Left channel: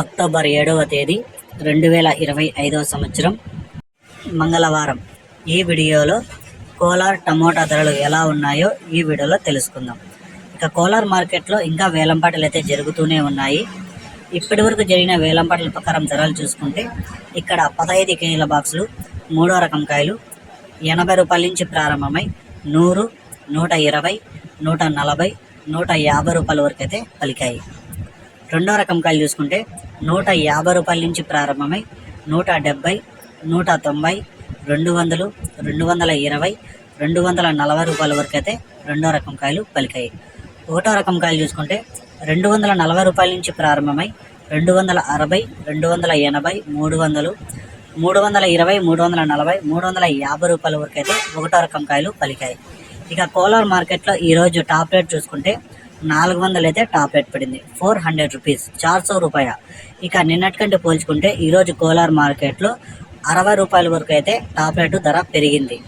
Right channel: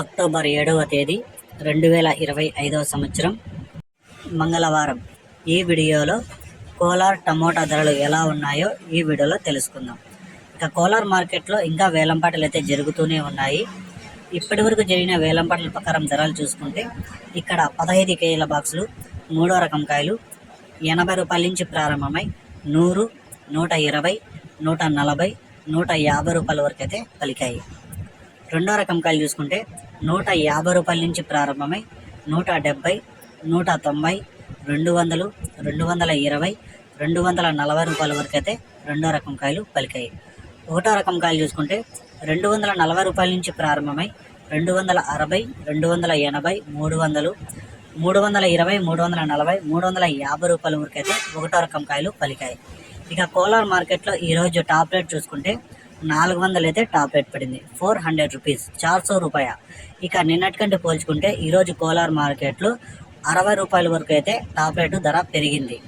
October ఏడవ తేదీ రెండు వేల ఇరవై ఐదవ సంవత్సరం మంగళవారం. ఈ వీడియోలో కోలార్ టమోటా ధరలు ఎలా ఉన్నాయో ఈ వీడియోలో తెలుసుకుందాం. ఇక కోలార్ మార్కెట్లో ఇంకా వేలంపాటలు అయితే జరుగుతూనే ఉన్నాయి. ఇప్పటి వరకు జరిగిన వేలంపాటల ప్రకారం ధరలు చూసుకుంటే ఇక్కడ పదహైదు కేజీల బాక్సులు మూడో రకం కాయలు ఎనభై రూపాయల నుంచి ప్రారంభమై నూరు నూట ఇరవై నూట నలభై నూట యాభై రూపాయల వరకు అయితే పలికాయి. రెండో రకం కాయలు చూసుకుంటే నూట యాభై రూపాయల నుంచి ప్రారంభమై నూట డెబ్బై నూట తొంభై రెండు వందలు రెండు వందల ఇరవై రెండు వందల నలభై రూపాయల వరకు అయితే రెండో రకం కాయలు పలికాయి. ఒకటో రకం కాయలు చూసుకుంటే రెండు వందల నలభై రూపాయల నుంచి ప్రారంభమై రెండు వందల అరవై రెండు వందల ఎనభై మూడు వందలు మూడు వందల ఇరవై మూడు వందల నలభై మూడు వందల యాభై రూపాయల వరకు అయితే ఒకటో రకం కాయలు పలికాయి. ఇక కోలార్ మార్కెట్లో ఈరోజు టాప్ రేట్ చూసుకుంటే నాలుగు వందలు అయితే టాప్ రేట్ పడింది. Four hundred rupees. చార్ సో రూపాయ. ఇక నిన్నటికంటే పోల్చుకుంటే ఈరోజు కోలార్ మార్కెట్లో అరవై రూపాయల వరకు అయితే టాప్ రేటు ధర పెరిగింది.